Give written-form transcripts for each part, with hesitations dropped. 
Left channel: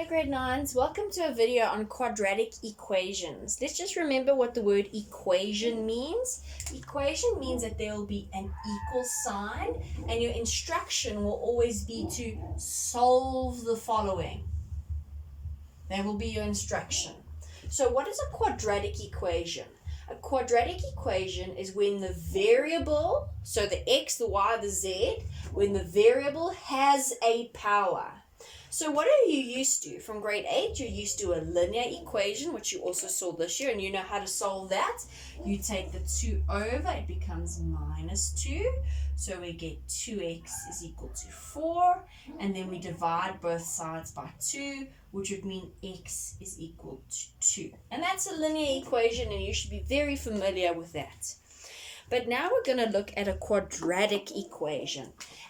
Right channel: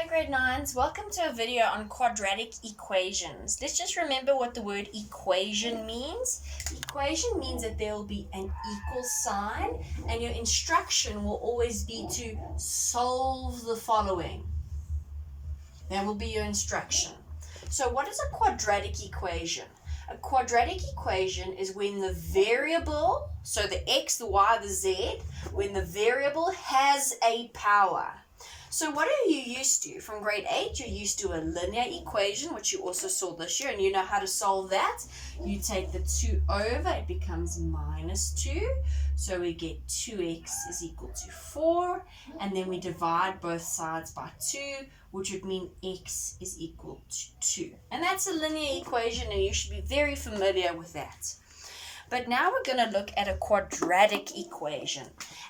Hello grade 9s, welcome to a video on quadratic equations. Let's just remember what the word equation means. Equation means that there will be an equal sign and your instruction will always be to solve the following. That will be your instruction. So what is a quadratic equation? A quadratic equation is when the variable, so the x, the y, the z, when the variable has a power. So what are you used to? From grade 8, you're used to a linear equation, which you also saw this year, and you know how to solve that. You take the 2 over, it becomes minus 2. So we get 2x is equal to 4, and then we divide both sides by 2, which would mean x is equal to 2. And that's a linear equation, and you should be very familiar with that. But now we're going to look at a quadratic equation.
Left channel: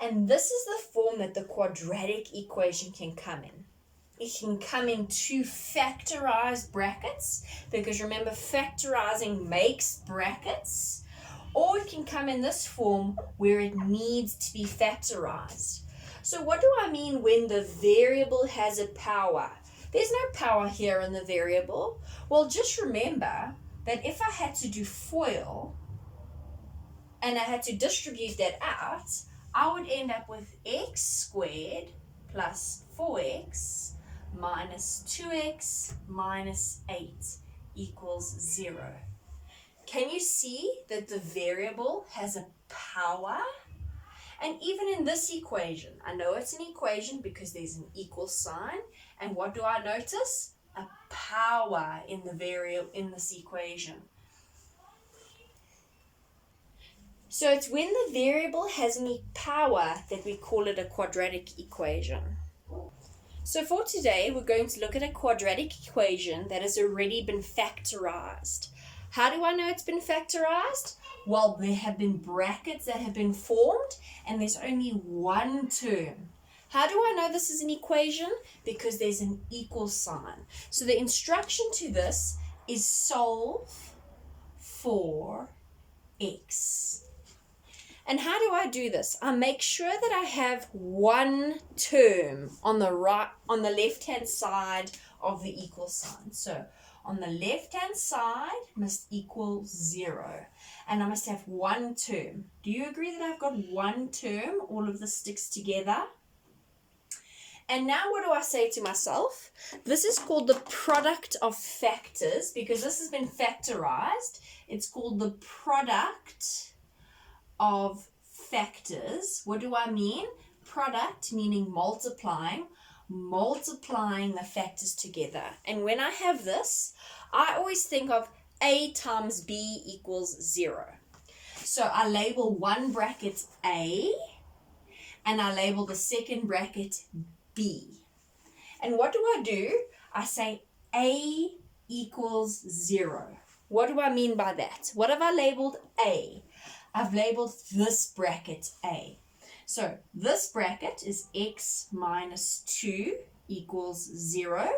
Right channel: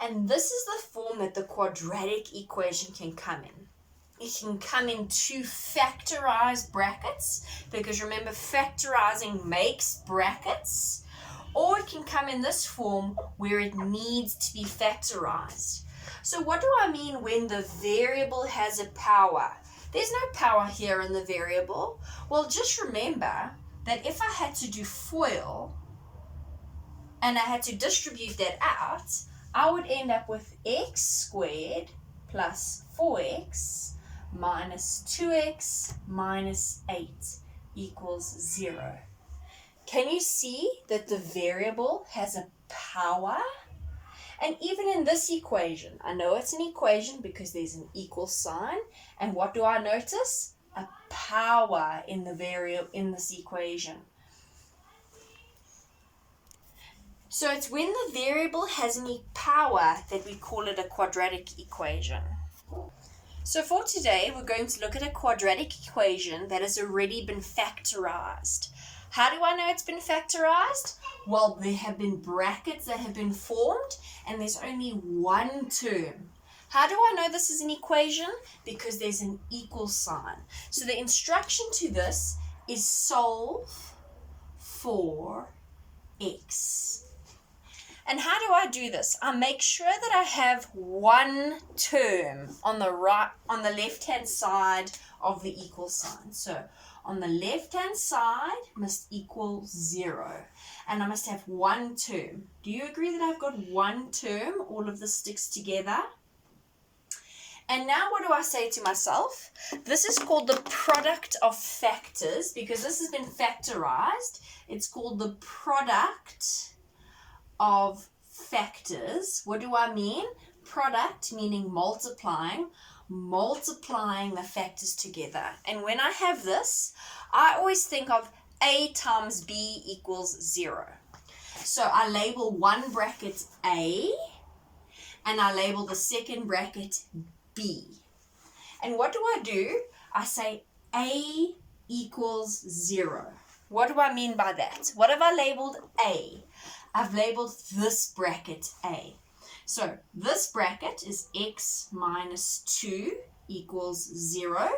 And this is the form that the quadratic equation can come in. It can come in two factorized brackets, because remember, factorizing makes brackets. Or it can come in this form where it needs to be factorized. So what do I mean when the variable has a power? There's no power here in the variable. Well, just remember that if I had to do FOIL, and I had to distribute that out, I would end up with x squared plus 4x minus 2x minus 8 equals 0. Can you see that the variable has a power? And even in this equation, I know it's an equation because there's an equal sign. And what do I notice? A power in the variable in this equation. So it's when the variable has any power that we call it a quadratic equation. So for today, we're going to look at a quadratic equation that has already been factorized. How do I know it's been factorized? Well, there have been brackets that have been formed, and there's only one term. How do I know this is an equation? Because there's an equal sign. So the instruction to this is solve for x. And how do I do this? I make sure that I have one term on the left-hand side of the equal sign. So on the left-hand side must equal 0. And I must have one term. Do you agree that I've got one term? All of this sticks together. And now what do I say to myself? This is called the product of factors because this has been factorized. It's called the product of factors. What do I mean? Product meaning multiplying the factors together. And when I have this, I always think of a times b equals 0. So I label one bracket a and I label the second bracket b. And what do I do? I say a equals 0. What do I mean by that? What have I labeled a? I've labeled this bracket A. So this bracket is x minus 2 equals 0.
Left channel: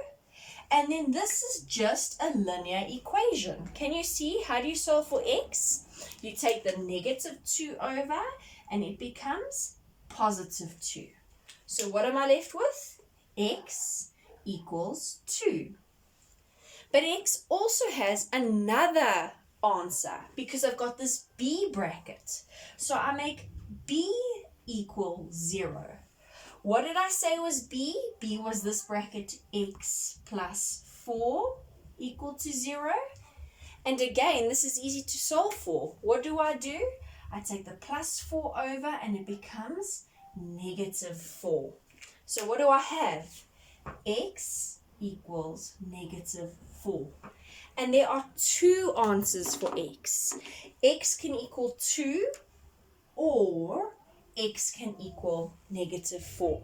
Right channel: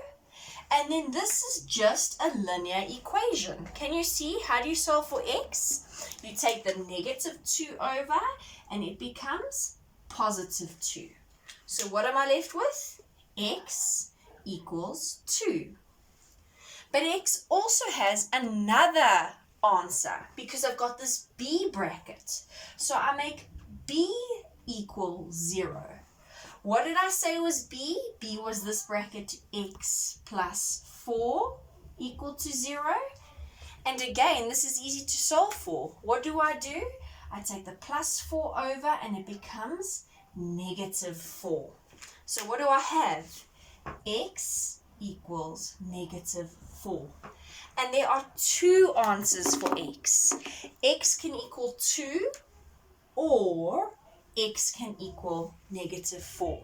And then this is just a linear equation. Can you see? How do you solve for x? You take the negative 2 over and it becomes positive 2. So what am I left with? X equals 2. But x also has another answer because I've got this b bracket. So I make b equal 0. What did I say was b? B was this bracket x plus 4 equal to 0. And again, this is easy to solve for. What do? I take the plus 4 over and it becomes negative 4. So what do I have? X equals negative 4. And there are two answers for x. X can equal 2 or x can equal negative 4.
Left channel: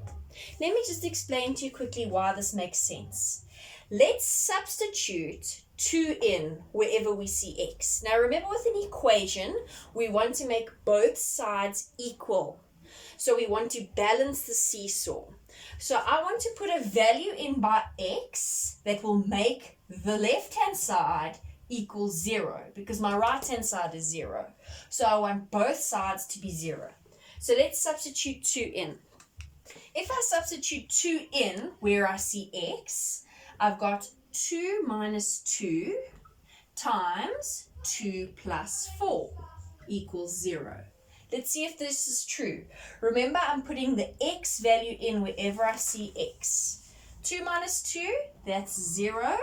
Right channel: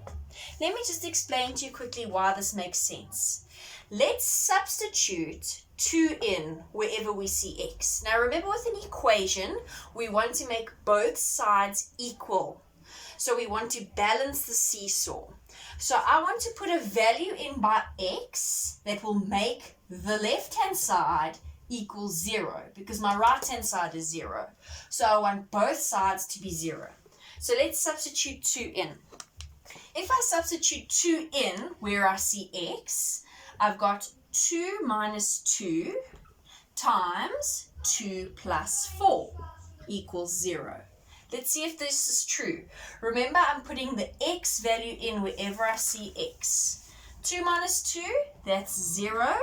Let me just explain to you quickly why this makes sense. Let's substitute 2 in wherever we see x. Now remember, with an equation, we want to make both sides equal. So we want to balance the seesaw. So I want to put a value in by x that will make the left-hand side equal 0 because my right-hand side is 0. So I want both sides to be 0. So let's substitute 2 in. If I substitute 2 in where I see x, I've got 2 minus 2 times 2 plus 4 equals 0. Let's see if this is true. Remember, I'm putting the x value in wherever I see x. 2 minus 2, that's 0.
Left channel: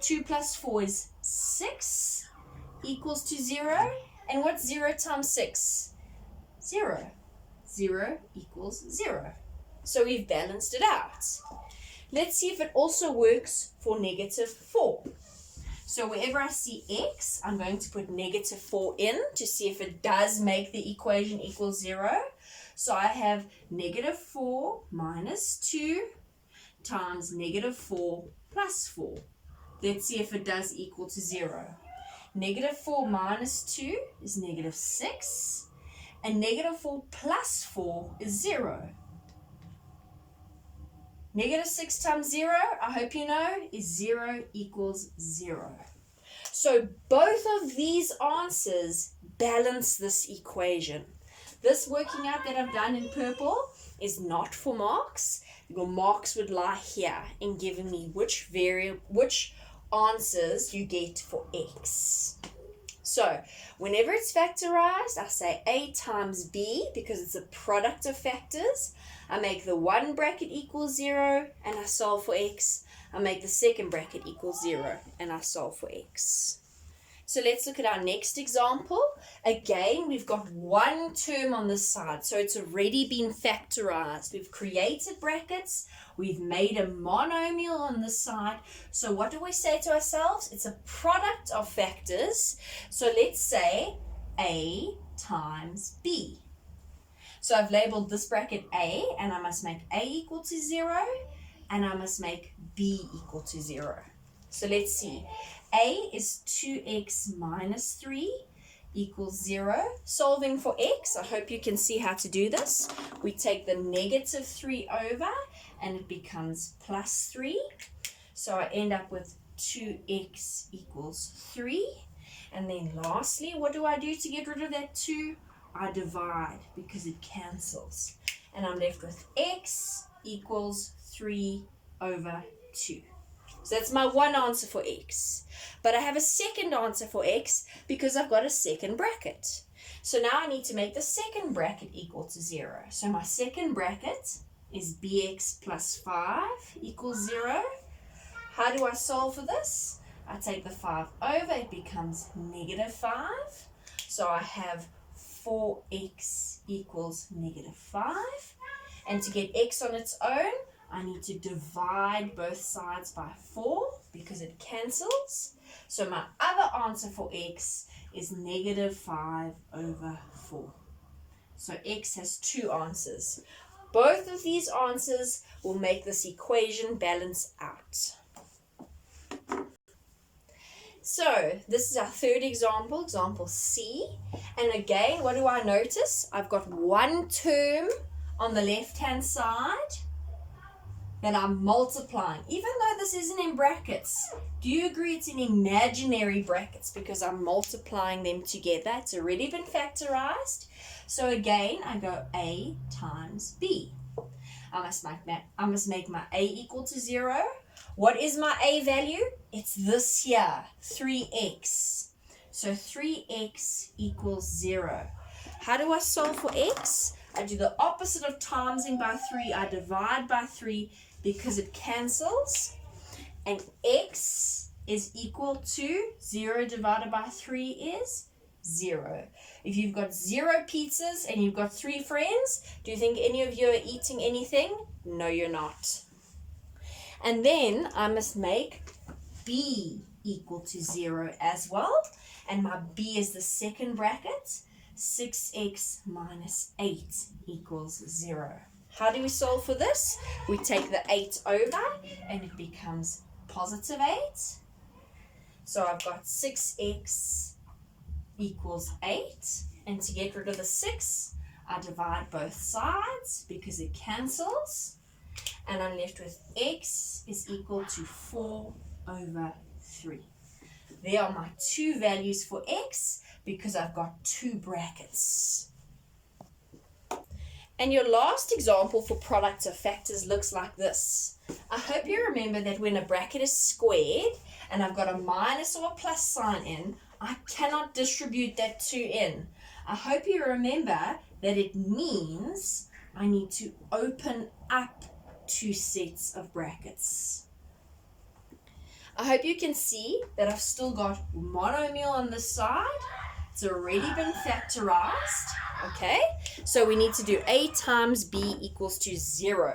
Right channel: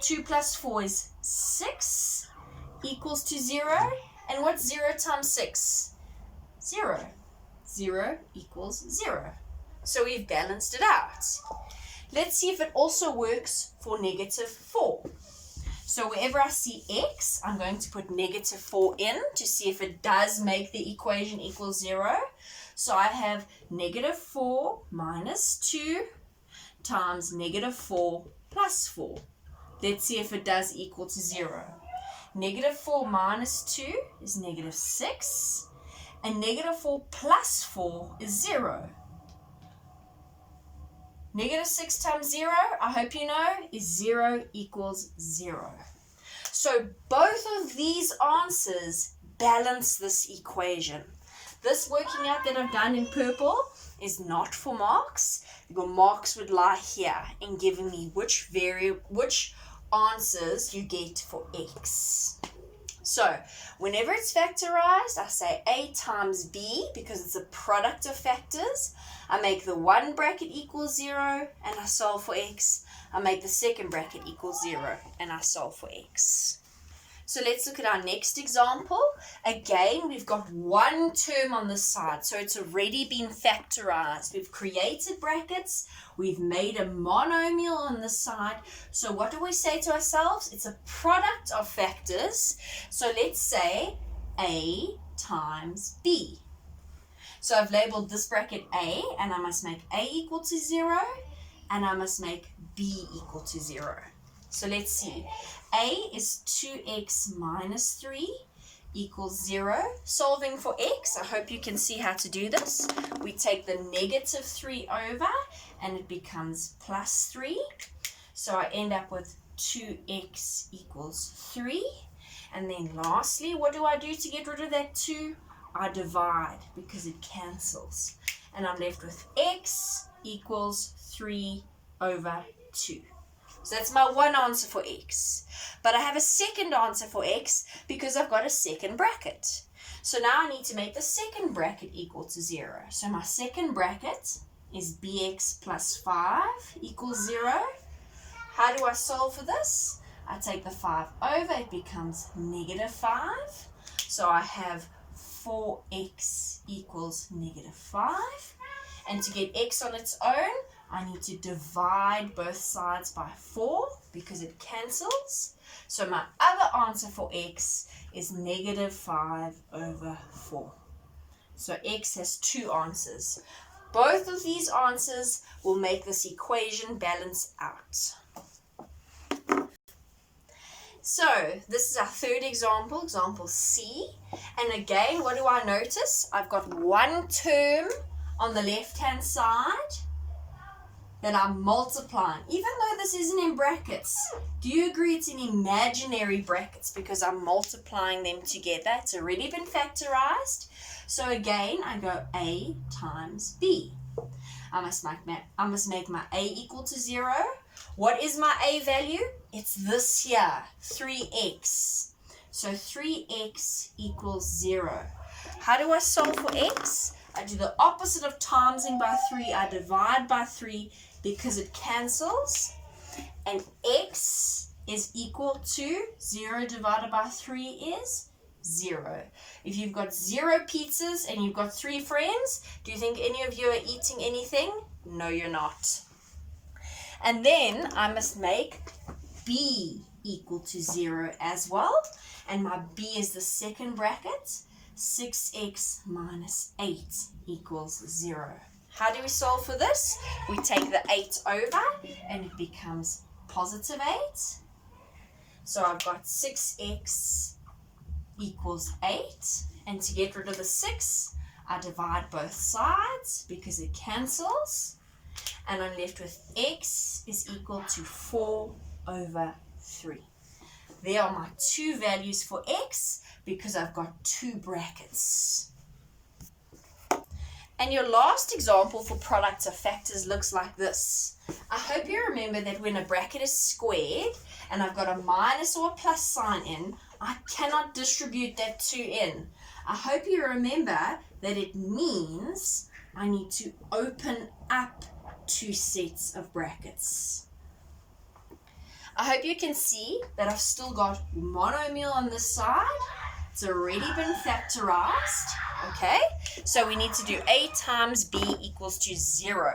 2 plus 4 is 6 equals to 0. And what's 0 times 6? 0. 0 equals 0. So we've balanced it out. Let's see if it also works for negative 4. So wherever I see x, I'm going to put negative 4 in to see if it does make the equation equal 0. So I have negative 4 minus 2 times negative 4 plus 4. Let's see if it does equal to 0. Negative 4 minus 2 is negative 6. And negative 4 plus 4 is 0. Negative 6 times 0, I hope you know, is 0 equals 0. So both of these answers balance this equation. This working out that I've done in purple is not for marks. Your marks would lie here in giving me which answers you get for x. So whenever it's factorized, I say a times b because it's a product of factors. I make the one bracket equal 0 and I solve for x. I make the second bracket equal 0 and I solve for x. So let's look at our next example. Again, we've got one term on this side, so it's already been factorized. We've created brackets. We've made a monomial on this side. So what do we say to ourselves? It's a product of factors. So let's say a times b. So I've labeled this bracket a, and I must make a equal to 0, and I must make b equal to 0. So let's see. A is 2x minus 3 equals 0. Solving for x, I hope you can see how to do this. We take the negative 3 over, and it becomes plus 3. So I end up with 2x equals 3. And then lastly, what do I do to get rid of that 2? I divide because it cancels. And I'm left with x equals 3 over 2. So that's my one answer for x. But I have a second answer for x because I've got a second bracket. So now I need to make the second bracket equal to 0. So my second bracket is bx plus 5 equals 0. How do I solve for this? I take the 5 over, it becomes negative 5. So I have 4x equals negative 5. And to get x on its own, I need to divide both sides by 4 because it cancels. So my other answer for x is negative 5 over 4. So x has two answers. Both of these answers will make this equation balance out. So this is our third example, example C. And again, what do I notice? I've got one term on the left-hand side that I'm multiplying. Even though this isn't in brackets, do you agree it's in imaginary brackets because I'm multiplying them together? It's already been factorized. So again, I go A times B. I must make my A equal to 0. What is my A value? It's this here, 3x. So 3x equals 0. How do I solve for x? I do the opposite of timesing by 3. I divide by 3 because it cancels. And x is equal to 0 divided by 3 is 0. If you've got 0 pizzas and you've got 3 friends, do you think any of you are eating anything? No, you're not. And then I must make b equal to 0 as well. And my b is the second bracket. 6x minus 8 equals 0. How do we solve for this? We take the 8 over and it becomes positive 8. So I've got 6x equals 8. And to get rid of the 6, I divide both sides because it cancels. And I'm left with x is equal to 4 over 3. There are my two values for x because I've got two brackets. And your last example for products of factors looks like this. I hope you remember that when a bracket is squared and I've got a minus or a plus sign in, I cannot distribute that 2 in. I hope you remember that it means I need to open up 2 sets of brackets. I hope you can see that I've still got monomial on this side. It's already been factorized, okay? So we need to do a times b equals to 0.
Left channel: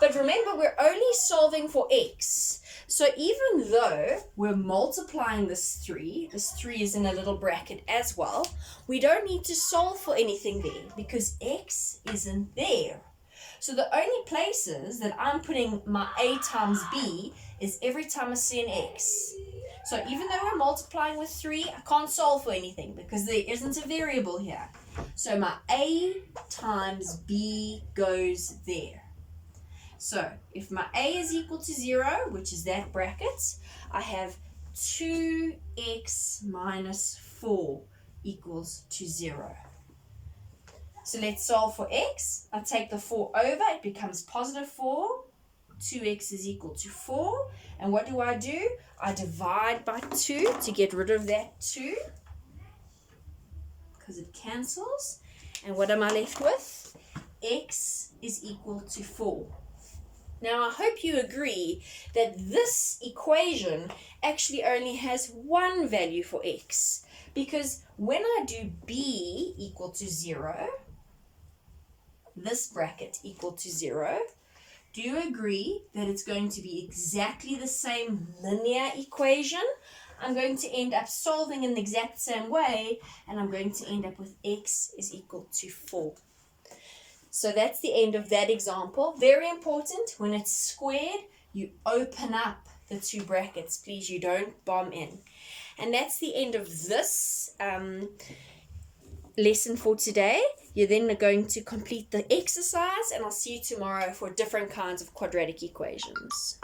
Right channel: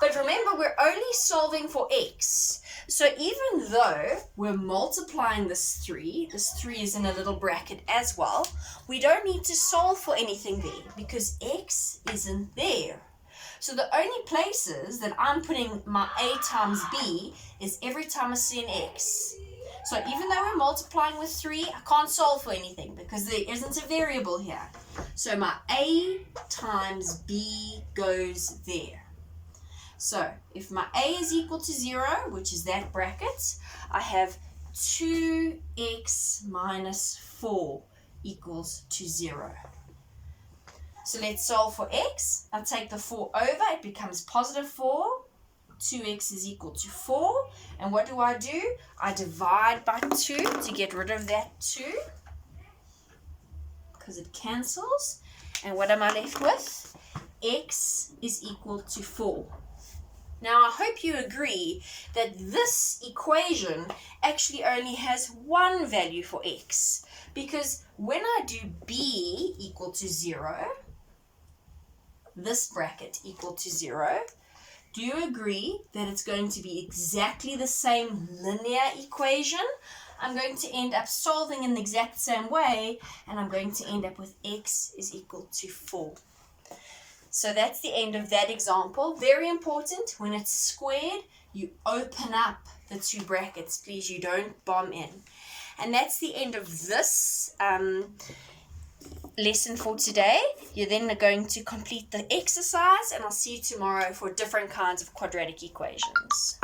But remember, we're only solving for x. So even though we're multiplying this 3 is in a little bracket as well, we don't need to solve for anything there because x isn't there. So the only places that I'm putting my a times b is every time I see an x. So even though we're multiplying with 3, I can't solve for anything because there isn't a variable here. So my a times b goes there. So if my a is equal to 0, which is that bracket, I have 2x minus 4 equals to 0. So let's solve for x. I take the 4 over, it becomes positive 4. 2x is equal to 4. And what do? I divide by 2 to get rid of that 2 because it cancels. And what am I left with? X is equal to 4. Now I hope you agree that this equation actually only has one value for x, because when I do b equal to 0, this bracket equal to 0, do you agree that it's going to be exactly the same linear equation? I'm going to end up solving in the exact same way, and I'm going to end up with x is equal to 4. So that's the end of that example. Very important, when it's squared, you open up the 2 brackets. Please, you don't bomb in. And that's the end of this lesson for today. You're then going to complete the exercise, and I'll see you tomorrow for different kinds of quadratic equations.